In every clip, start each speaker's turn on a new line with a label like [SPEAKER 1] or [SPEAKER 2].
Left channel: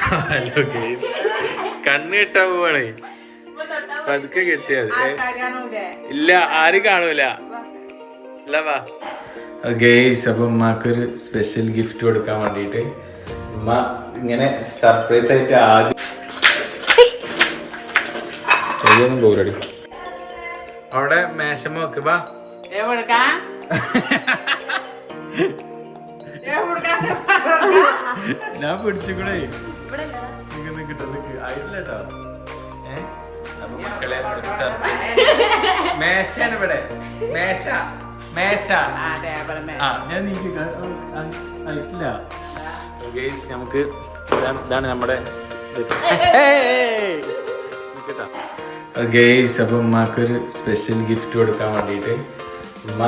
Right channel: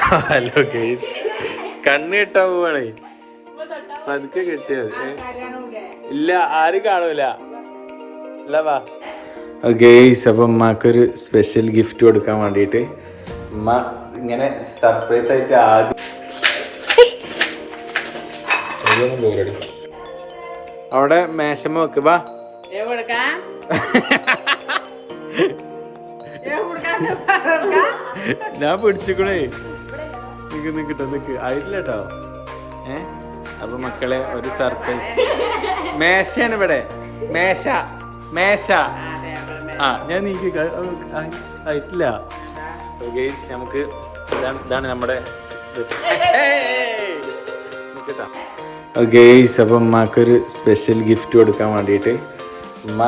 [SPEAKER 1] Hello guys കണ്ണ് കെട്ടാൻ പോവാണേ. പതുക്കെ കെട്ടിയത്? ഇല്ല ആരും കാണൂല? ഇല്ല വാ. ഗേസ് അപ്പൊ ഉമ്മാക്കൊരു സ്പെഷ്യൽ ഗിഫ്റ്റ് കൊടുക്കാൻ വേണ്ടിട്ട് ഉമ്മ ഇങ്ങനെ സർപ്രൈസ് ആയിട്ട് ആദ്യം. അവിടെ മേശം വെക്ക് വാ. ഞാൻ പിടിച്ചിക്കണേ. നിക്ക് നിക്കട്ടെ നിക്ക്. ആയിട്ടില്ല ഏഹ് അപ്പൊ മക്കളെ ഒരു സർപ്രൈസ്. മേശയാണ് ഇവിടെ. മേശ. മേശ. ഞാൻ നീക്കി ആയിട്ടില്ല. ഗൈസ് നമുക്ക് ഇതാണ് നമ്മുടെ ഗെയ്സ് അപ്പൊ ഉമ്മാക്കൊരു സ്പെഷ്യൽ ഗിഫ്റ്റ് കൊടുക്കാൻ വേണ്ടിയിട്ട് ഉമ്മ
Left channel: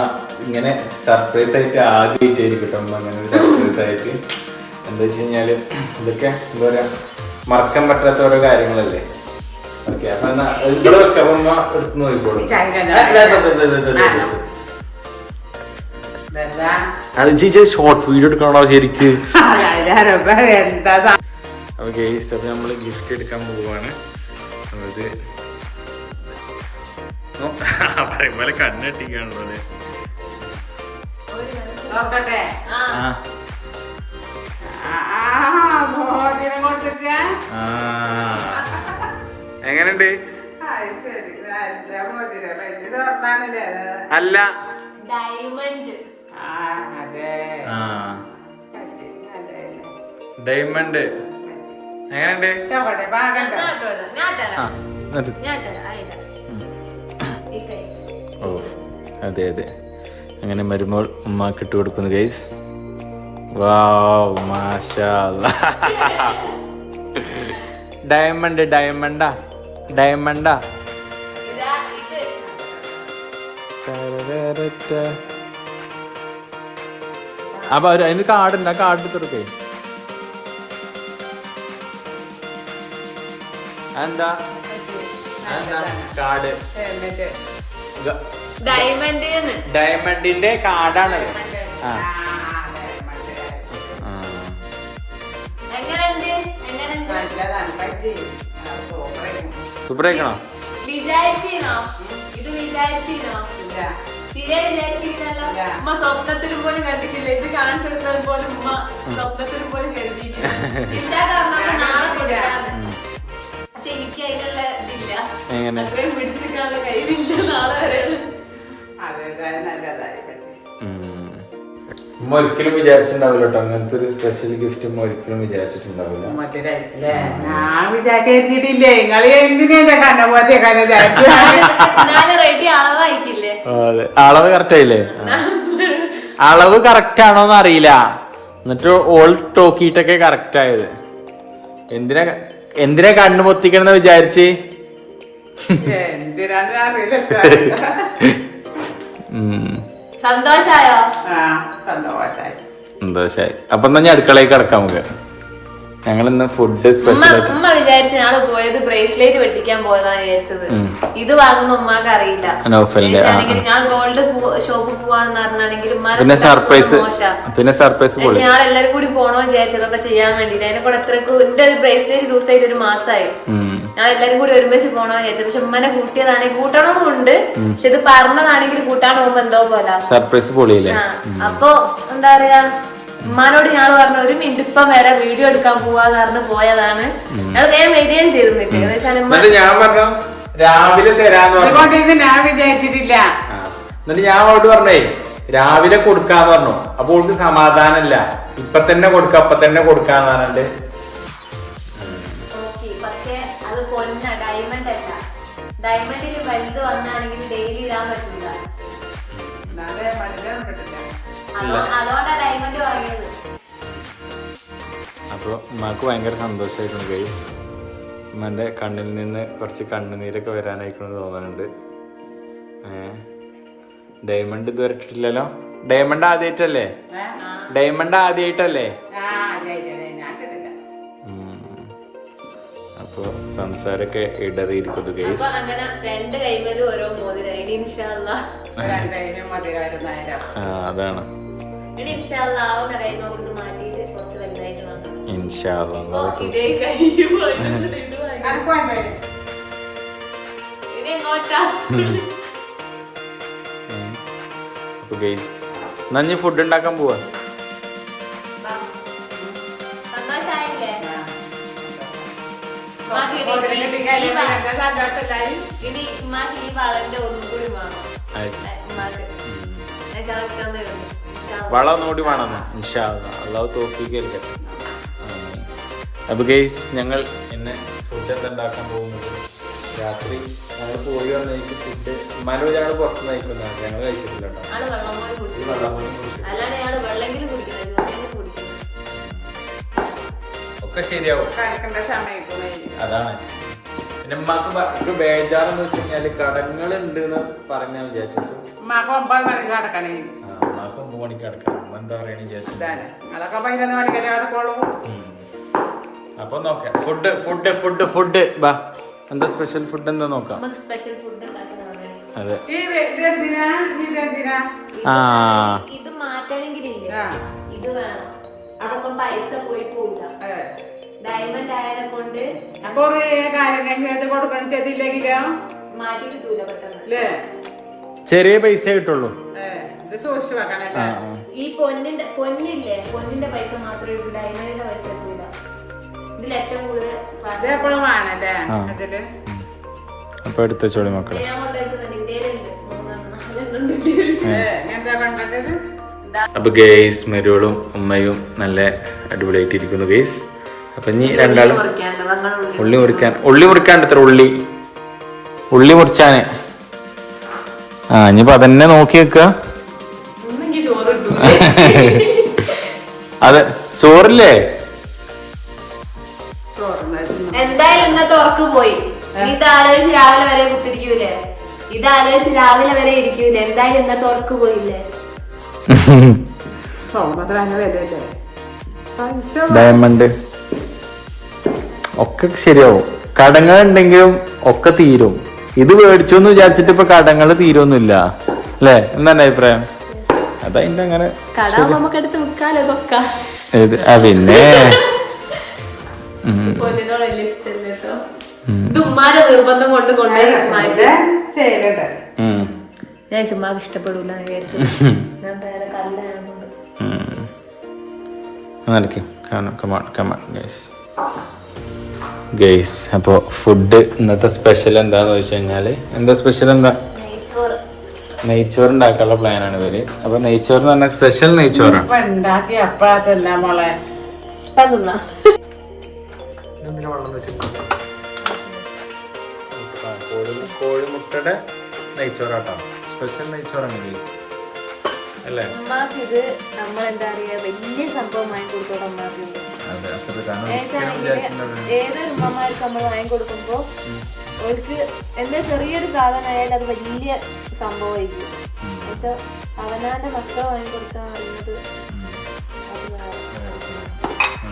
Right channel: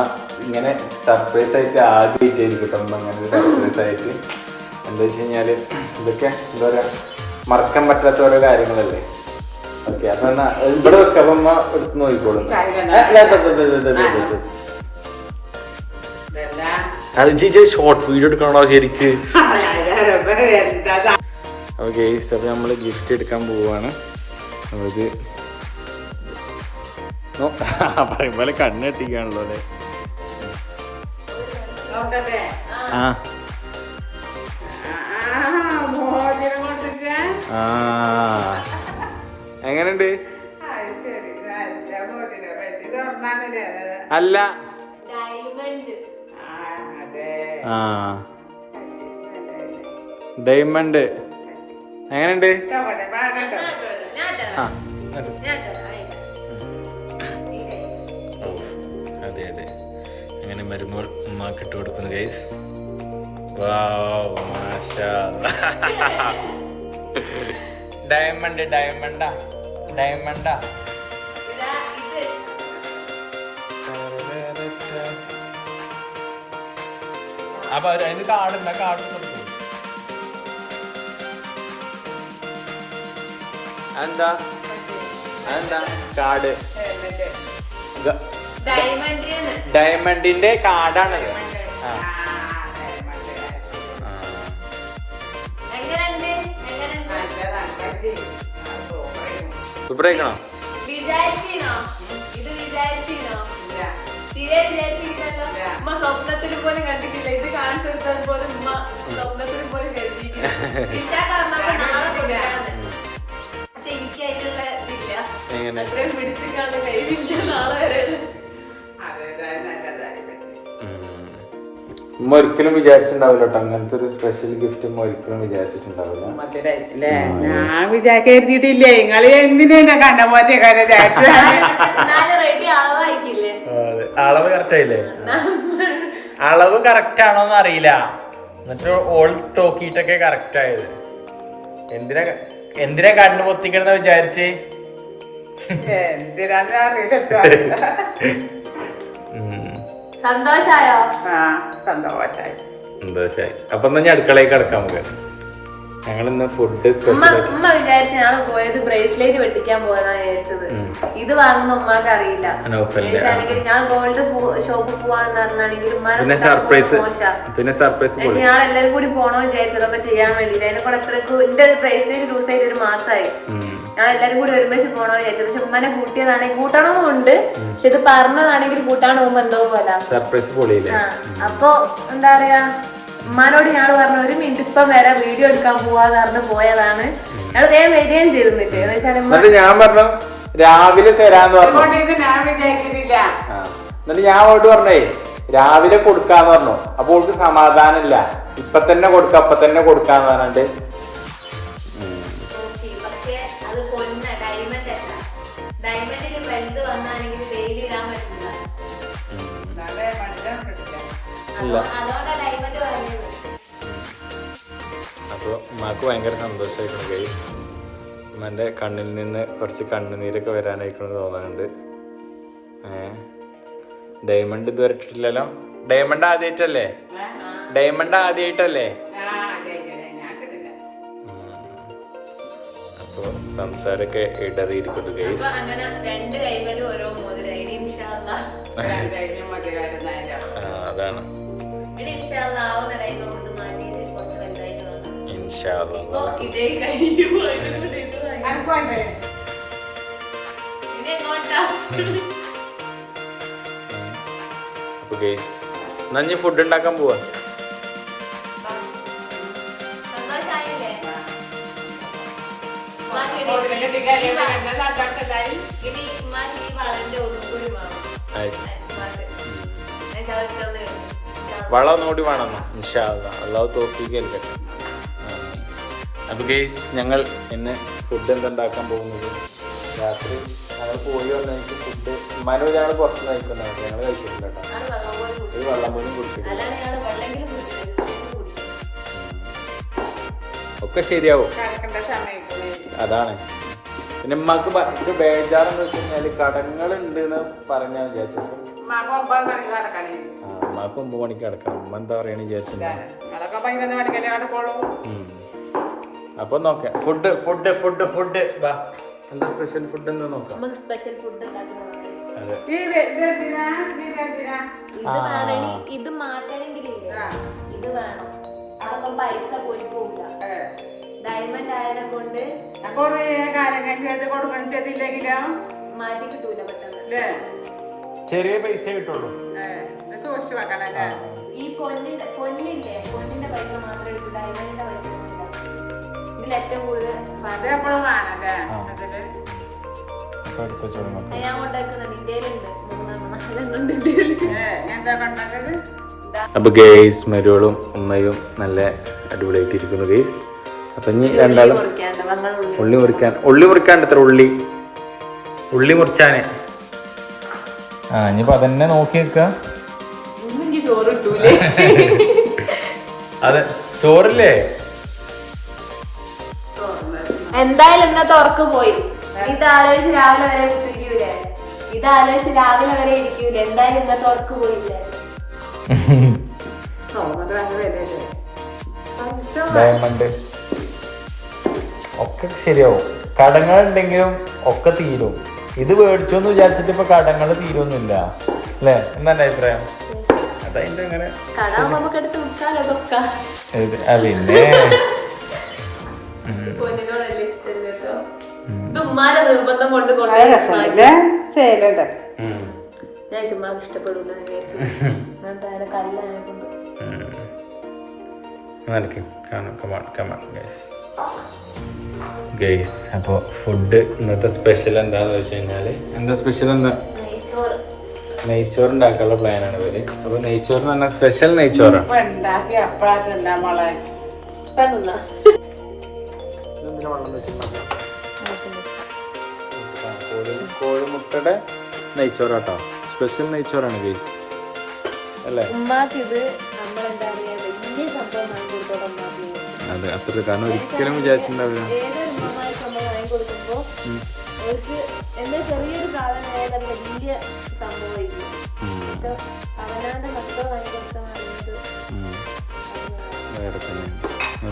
[SPEAKER 1] ഇങ്ങനെ സർപ്രൈസ് ആയിട്ട് ആദ്യമായിട്ടായിരിക്കും കേട്ടോ ഉമ്മ ഇങ്ങനെ സർപ്രൈസ് ആയിട്ട്. എന്താ വെച്ച് കഴിഞ്ഞാൽ ഇതൊക്കെ എന്താ പറയാ മറക്കാൻ പറ്റാത്ത ഓരോ കാര്യങ്ങളല്ലേ? ഓക്കെ അപ്പൊ എന്നാ ഇവിടെ വെക്കാം. അപ്പൊ ഉമ്മ എടുത്ത് നോക്കിക്കോളൂ? അത് ചേച്ചി ഷോർട്ട് വീഡിയോ എടുക്കണോ ശരിക്ക്?
[SPEAKER 2] സാ-
[SPEAKER 1] അപ്പോൾ നമ്മൾ ഗിഫ്റ്റ് എടുക്കാൻ പോവാണ്. അത് പറയുമ്പോലെ കണ്ണെത്തിക്കാണല്ലോ കണ്ണെട്ടിക്കാണല്ലോ അല്ലേ? ആ, എങ്ങനെയുണ്ട്
[SPEAKER 2] അത് ശരി. നല്ല മോതിരം. വലിയ
[SPEAKER 1] അല്ല.
[SPEAKER 3] ഡയമണ്ട്.
[SPEAKER 2] ആ,
[SPEAKER 1] എങ്ങനെയുണ്ട്. ഓ അതെ അതെ. അങ്ങനെ മരുമോൾ ഉമ്മാക്ക് ഇട്ട് കൊടുക്കുന്നു ഗൈസ് വാവ് മാഷാ ഡയമണ്ട് ഡയമണ്ടാ. ഡയമണ്ടാ അപ്പൊ അവർ അതിന് കാർഡുണ്ട് ആ കാർഡ് എടുത്തെടുക്കേ എന്താ എന്താ കാർഡ് ഡയമണ്ടിന്റെ കാർഡാണത് ആ.
[SPEAKER 3] ഇതില്ല.
[SPEAKER 1] എങ്ങനെ?
[SPEAKER 3] പിടിച്ചിട്ടാണ് നാളെ വരെ.
[SPEAKER 2] അതെ നല്ലതായി പറ്റി.
[SPEAKER 1] ഉമ്മ ഒരിക്കലും വിചാരിച്ചിട്ടുണ്ടാവില്ല കേട്ടോ അങ്ങനത്തെ ഒരു സ്പെഷ്യൽ ഗിഫ്റ്റ് ഉമ്മ ഒരിക്കലും വിചാരിച്ചിട്ടുണ്ടാവില്ല.
[SPEAKER 2] ഞാൻ വിചാരിച്ചിട്ടില്ലേ നിങ്ങൾ എന്തിനാ.
[SPEAKER 1] അളവ് കറക്റ്റ് ആയില്ലേ? അളവ് കറക്റ്റ് ആണോന്ന് അറിയില്ല. എന്നിട്ട് ഓൾ ടോക്കിട്ടൊക്കെ കറക്റ്റ് ആയത്. എന്തിനാ എന്തിനാ കണ്ണു പൊത്തിക്കണെന്ന് വിചാരിച്ച്?
[SPEAKER 2] എന്തിനാന്ന് അറിയില്ല.
[SPEAKER 3] സന്തോഷായോ?
[SPEAKER 2] ആ സന്തോഷായി.
[SPEAKER 1] സന്തോഷായി. അപ്പൊ എന്നാ ഞാൻ അടുക്കളയിൽ കിടക്കാം നമുക്ക്. ഞങ്ങൾ ഇന്ന് ഫുഡ് സ്പെഷ്യൽ
[SPEAKER 3] ഉമ്മ വിചാരിച്ച ഞങ്ങൾ പോയത് ബ്രേസ്ലെറ്റ് വെട്ടിക്കാൻ പോയതാണ് വിചാരിച്ചത്. ഇത് വാങ്ങുന്ന ഉമ്മാക്ക് അറിയില്ല. ഞാൻ ഗോൾഡ് ഷോപ്പിൽ പോവാണെന്ന് പറഞ്ഞാണെങ്കിൽ
[SPEAKER 1] പിന്നെ സർപ്രൈസ് പിന്നെ സർപ്രൈസ്
[SPEAKER 3] ഞങ്ങൾ എല്ലാവരും കൂടി പോണോ വിചാരിച്ചതൊക്കെ ചെയ്യാൻ വേണ്ടി അതിനെ കൂടെ അത്രയ്ക്ക് എന്റെ ഒരു ബ്രേസ്ലെറ്റ് ലൂസ് ആയിട്ട് ഒരു മാസമായി
[SPEAKER 1] ഞാൻ
[SPEAKER 3] ഞങ്ങൾ എല്ലാരും കൂടി ഒരുമിച്ച് പോണോ വിചാരിച്ചത്. പക്ഷെ ഉമ്മനെ കൂട്ടിയതാണെങ്കിൽ കൂട്ടണമെന്നുണ്ട് പക്ഷെ ഇത് പറഞ്ഞതാണെങ്കിൽ കൂട്ടാൻ പോകുമ്പോ എന്തോ പോലെ.
[SPEAKER 1] സർപ്രൈസ് പൊളിയില്ലേ?
[SPEAKER 3] അപ്പൊ എന്താ പറയാ? ഉമ്മാനോട് ഞങ്ങൾ പറഞ്ഞു ഒരു മിനിറ്റ് ഇപ്പം വരെ വീഡിയോ എടുക്കാൻ പോവാന്ന് പറഞ്ഞ് പോയതാണ്. ഞങ്ങൾ വേഗം വരികയും ചെയ്തു നിൽക്കുക എന്ന് വെച്ചാൽ ഉമ്മ
[SPEAKER 1] എന്നിട്ട് ഞാൻ പറഞ്ഞു രാവിലെ തരാന്ന് പറഞ്ഞു.
[SPEAKER 2] ഞാൻ വിചാരിച്ചിട്ടില്ല.
[SPEAKER 1] എന്നിട്ട് ഞാൻ അവളോട് പറഞ്ഞേ രാവിലെ കൊടുക്കാന്ന് പറഞ്ഞു. അപ്പൊ ഓൾക്ക് സമാധാനമില്ല. ഇപ്പൊ തന്നെ കൊടുക്ക അപ്പൊ തന്നെ കൊടുക്കാന്ന് പറഞ്ഞിട്ട്.
[SPEAKER 3] നോക്കി
[SPEAKER 1] അപ്പൊ ഉമ്മാക്ക് ഭയങ്കര സന്തോഷമായിരുന്നു ഗൈസ് ഉമ്മന്റെ കണ്ണിൽ നിന്ന് കുറച്ച് കണ്ണുനീരൊക്കെ വരാനായിക്കൊണ്ട് തോന്നുന്നുണ്ട് ഡയമണ്ട് ഇതുവരെ ഇട്ടിട്ടില്ലല്ലോ? ഡയമണ്ട് ആദ്യമായിട്ടല്ലേ ഡയമണ്ട് ആദ്യമായിട്ടല്ലേ അപ്പോൾ സംസാരമൊക്കെ ഇടറിയിരിക്കുന്നു ഗൈസ്
[SPEAKER 3] അപ്പൊ ഇൻഷാല്ല എങ്ങോട്ടാ
[SPEAKER 1] അപ്പൊ ഗൈസ് എന്നാ ഇനി ഫുഡ് ഉണ്ടാക്കാൻ പോവാ.
[SPEAKER 3] വേണം. ഞാൻ.
[SPEAKER 1] വളം ഒന്നുകൂടി വേണമെന്ന് ഇൻഷാ അല്ലാ. അള്ളാഹു തോഫീക്ക് അപ്പൊ ഗൈസ് ഞങ്ങൾ ഇന്ന് ഫുഡ് എന്തുണ്ടാക്കാൻ പോകുന്നത്? രാത്രി ഞങ്ങൾ പോയി വന്നേക്ക് ഫുഡ് ഉമ്മാനോട് ഞങ്ങൾ പുറത്ത് നയിക്കുന്നത് ഞങ്ങൾ കഴിച്ചിട്ടില്ല കേട്ടോ. ഒരു ഒക്കെ ശരിയാവും. അതാണ്. പിന്നെ ഉമ്മക്ക് ഇപ്പൊ ബേജാറെന്ന് വെച്ച് കഴിഞ്ഞാൽ കടങ്ങൾ ഉണ്ട് എന്ന് പറഞ്ഞാ വിചാരിച്ചു
[SPEAKER 2] ഉമ്മാക്ക് ഒമ്പത് മണിക്ക് കിടക്കണേ.
[SPEAKER 1] ഉമ്മ എന്താ പറയണ വിചാരിച്ചു അപ്പൊ നോക്കാം. ഫുഡ് ഫുഡ് ഫുഡ് ഫുഡ് ബാ എന്താ സ്പെഷ്യൽ ഫുഡ് എന്താ നോക്കാം?
[SPEAKER 3] നമുക്ക് സ്പെഷ്യൽ ഫുഡ്
[SPEAKER 1] അതെ.
[SPEAKER 2] ഇത്?
[SPEAKER 1] ആ.
[SPEAKER 3] ഇത് വേണം. അപ്പം പൈസ പോയി പോവില്ല. ഡയമണ്ട് ആയതിനെ കൊണ്ട് മാറ്റി കിട്ടൂല പെട്ടെന്ന്.
[SPEAKER 1] ചെറിയ പൈസ കിട്ടുള്ളൂ.
[SPEAKER 3] ഈ പൊന്നിന്റെ പൊന്നില്ലേ? പൊന്നിന്റെ പൈസ മാത്രമേ ഉള്ളൂ. ഡയമണ്ടിന്റെ പൈസ ഏറ്റവും കൂടുതൽ
[SPEAKER 1] അപ്പൊ എടുത്ത മക്കളെ. അപ്പൊ ഗേസ് മരുവളും ഉമ്മയും നല്ല അടിപൊളിയായിട്ട് ഇരിക്കുന്നു ഗേസ് അപ്പൊ ഇനി രണ്ടാളും.
[SPEAKER 3] ഉള്ളി.
[SPEAKER 1] മുറിക്കാൻ. ഉള്ളി മുറിക്കാണ്ട് എത്ര ഉള്ളി? ഉള്ളി മുറിച്ചാന്. ആ ഇനിയിപ്പോ അതന്നെ നോക്കി വെക്കുക അത് ചോറില്ലേ?
[SPEAKER 3] എന്തായാലും ഇന്നത്തെ ഉറക്ക് പോയി. ഇത് ആലോചിച്ച് രാവിലെ വരെ കുത്തിരിക്കൂലേ? ഇത് ആലോചിച്ച് രാവിലെ വരെ ഇരിക്കൂലേ? എന്തായാലും ഇന്നത്തെ ഉറക്ക് പോയില്ലേ?
[SPEAKER 1] ഡയമണ്ട് ഒക്കെ ശരിയാവും. കടങ്ങൾ ഉണ്ടെങ്കിലും ഒക്കെ തീരും. ഇത് മേടിച്ചു എന്ന് വിചാരിച്ചിട്ട് ഇപ്പൊ കടങ്ങൾ തീരൊന്നുമില്ല. അല്ലേ? എന്താണ് അഭിപ്രായം? അതതിന്റെ അങ്ങനെ ആ പിന്നെ.
[SPEAKER 3] പൊന്നിനോട് വലിയ ഇഷ്ടമല്ല ഇത് ഉമ്മാരെ നിർബന്ധം കൊണ്ട് കൊണ്ടുപോയി. ഞാൻ ചുമ്മാക്ക് ഇഷ്ടപ്പെടൂല ഞാൻ എന്തായാലും കല്ലായതുകൊണ്ട്.
[SPEAKER 1] നടക്ക് കാണാം. Come on come on guys guys അപ്പോൾ ഫുഡ് ഇന്നത്തെ സ്പെഷ്യൽ എന്താന്ന് വെച്ച് കഴിഞ്ഞാൽ എന്താ സ്പെഷ്യൽ എന്താ?
[SPEAKER 3] നെയ്ച്ചോറ്.
[SPEAKER 1] നെയ്ച്ചോറ് ഉണ്ടാക്കാനുള്ള പ്ലാനാണ് ഇവർ. അപ്പൊ നെയ്ച്ചോറ് എന്ന് പറഞ്ഞാൽ സ്പെഷ്യൽ നെയ്ച്ചോറാണ്
[SPEAKER 2] ഇപ്പൊ വെള്ളം എപ്പോഴാ
[SPEAKER 3] കോഴി
[SPEAKER 1] കോഴിമുട്ടയുടെ നെയ്ച്ചോറാട്ടോ സ്പെഷ്യൽ നെയ്ച്ചോറാണ് ഗൈസ് അല്ലേ?
[SPEAKER 3] ഇത് നമ്മളെന്താ പറയാ വലിയ സംഭവം വാങ്ങി കൊടുത്തോടെ ഉമ്മാക്ക്. ഇത്.
[SPEAKER 1] അതെ, അപ്പോൾ ഇതാണ്
[SPEAKER 3] ഏതാണെങ്കിലും
[SPEAKER 1] വിചാരിച്ചിട്ടുണ്ടാവും.
[SPEAKER 3] ഏതൊരു ഉമ്മമാർക്ക് നമ്മൾ വാങ്ങി കൊടുക്കുമ്പോ അവർക്ക് എന്താ ചെറിയൊരു സാധനം ആയാലും അത് വലിയ സംഭവമായിരിക്കും. എന്നുവെച്ചാൽ അവനാണ്ട് മക്കൾ വാങ്ങി കൊടുക്കാൻ അറിയുന്നത്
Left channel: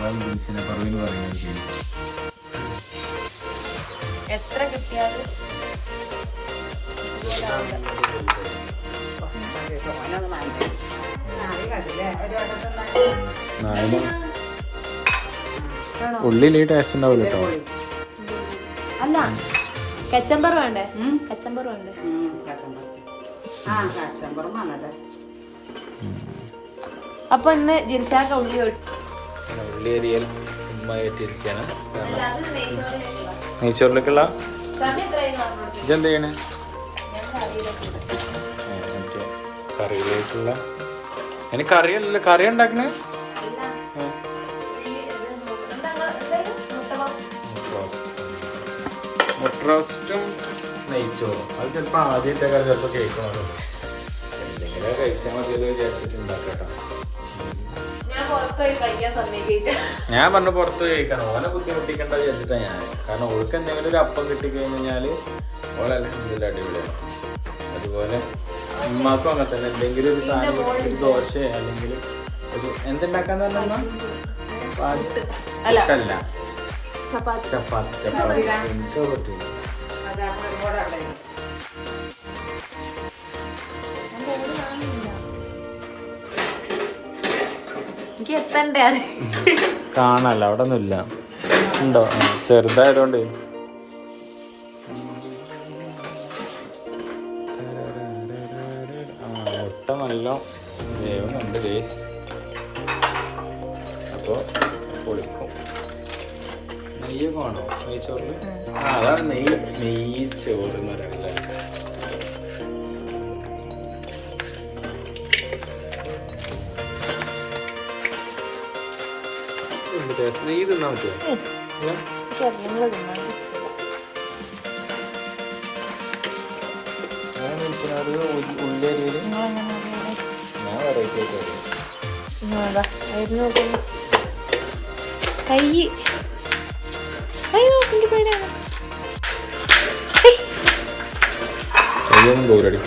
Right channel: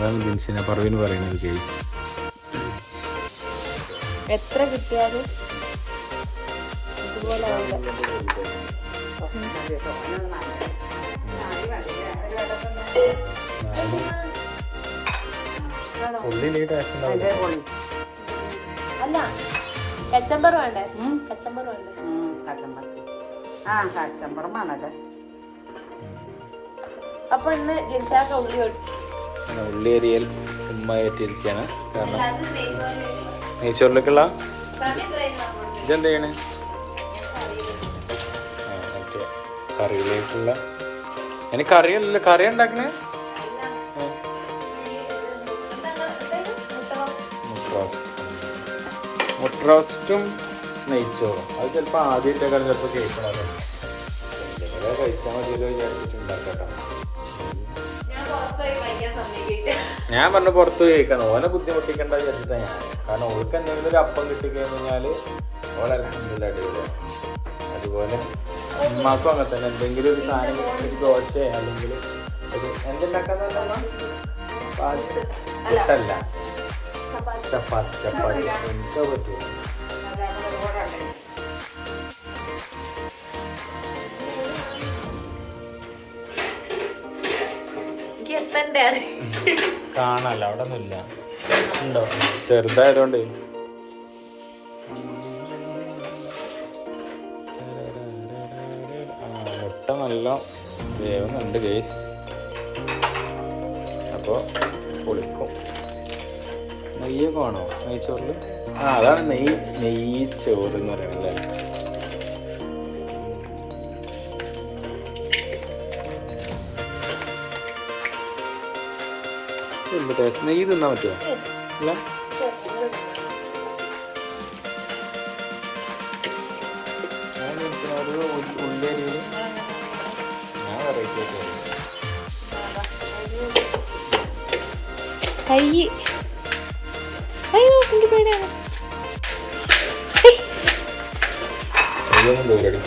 [SPEAKER 1] ഞാൻ ജനിച്ചതിനെ പറവിന് പറയുന്നത്
[SPEAKER 3] എത്ര കിട്ടിയാലും
[SPEAKER 1] ഉള്ളിൽ ടേസ്റ്റ് ഉണ്ടാവില്ല കേട്ടോ.
[SPEAKER 3] അല്ല കച്ചമ്പർ വേണ്ടേ? കച്ചമ്പർ വേണ്ടേ.
[SPEAKER 2] ആ കച്ചമ്പറമാണല്ലേ
[SPEAKER 3] അപ്പൊ ഇന്ന് ജിൻഷാക്ക ഉള്ളി
[SPEAKER 1] അങ്ങനെ ഉള്ളേരിയൽ ഉമ്മ ഏറ്റിരിക്കുകയാണ് കാരണം നെയ്ച്ചോറിലേക്കുള്ള? ഇതെന്ത് ചെയ്യണേ മറ്റേ കറിയിലേക്കുള്ള. അതിന് കറിയല്ല കറി ഉണ്ടാക്കണേ?
[SPEAKER 3] മുട്ട
[SPEAKER 1] റോസ്റ്റ് നെയ്ച്ചോറും. അത് ചിലപ്പോൾ കാലം ചിലപ്പോൾ കേൾക്കണമല്ലോ എന്തെങ്കിലും കഴിച്ചാൽ മതിയല്ലോ വിചാരിച്ചിട്ട്
[SPEAKER 3] സമ്മതിക്കില്ല
[SPEAKER 1] ഞാൻ പറഞ്ഞു പുറത്ത് കഴിക്കണം ഓനെ ബുദ്ധിമുട്ടിക്കണ്ട വിചാരിച്ചിട്ടാണ് ഞാൻ. കാരണം ഓൾക്ക് എന്തെങ്കിലും ഒരു അപ്പം കിട്ടിക്കഴിഞ്ഞ് കഴിഞ്ഞാൽ ഓളല്ല അടിപൊളിയാണ് അതുപോലെ ഉമ്മാക്കും അങ്ങനെ തന്നെ. എന്തെങ്കിലും ഒരു സാധനം ഒരു ദോശ അല്ലെങ്കിൽ ഒരു എന്തുണ്ടാക്കാൻ തന്നെ
[SPEAKER 3] ചപ്പാത്തി.
[SPEAKER 1] ചപ്പാത്തി. ചപ്പാത്തി. എനിക്ക് പറ്റില്ല കാണാല്ല അവിടെ ഒന്നുമില്ല ഉണ്ടോ ആ, ചെറുതായതുകൊണ്ട് മുട്ട നല്ല വേവുന്നുണ്ട് ഗേസ്. അപ്പോൾ പൊളിക്കും. നെയ്യൊക്കെ വേണോ? നെയ്ച്ചോറിൽ ആ അതാണ് നെയ്യ് നെയ്ച്ചോറ് എന്ന് പറയുന്നത്. എന്ത് ടേസ്റ്റ് നെയ്യ് തിന്നാൻ പറ്റുമോ ഇല്ല ഞാൻ മനസ്സിലായത് ഉള്ളി ഞാൻ വെറൈറ്റി ആയിട്ട്
[SPEAKER 3] കൈ. അയ്യോ നോക്കി പേടിയാണ്.
[SPEAKER 1] കയ്യൊന്നും ദൂരടി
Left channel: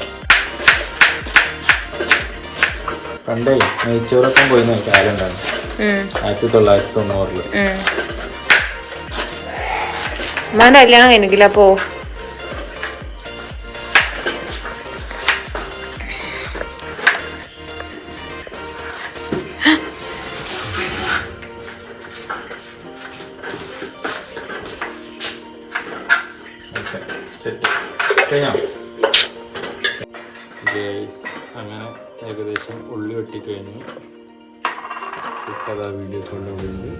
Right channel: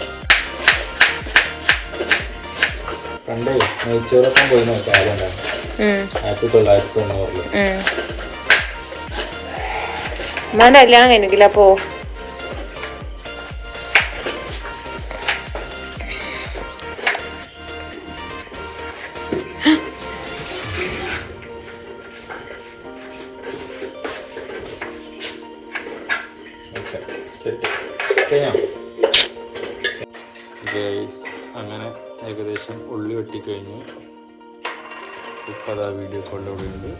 [SPEAKER 1] പണ്ടേ നെയ്ച്ചോറൊക്കെ പോയി നോക്കാം ആരും ഉണ്ടായിരുന്നു ആയിരത്തി തൊള്ളായിരത്തി തൊണ്ണൂറിൽ
[SPEAKER 3] ഉമ്മാന്റെ കല്യാണം കഴിഞ്ഞില്ല അപ്പോ
[SPEAKER 1] കഴിഞ്ഞോ? അങ്ങനെ ഏകദേശം ഉള്ളി വെട്ടിക്കഴിഞ്ഞു. ഇപ്പം അതാ വീഡിയോ കോളിലൂടെ ഉണ്ട്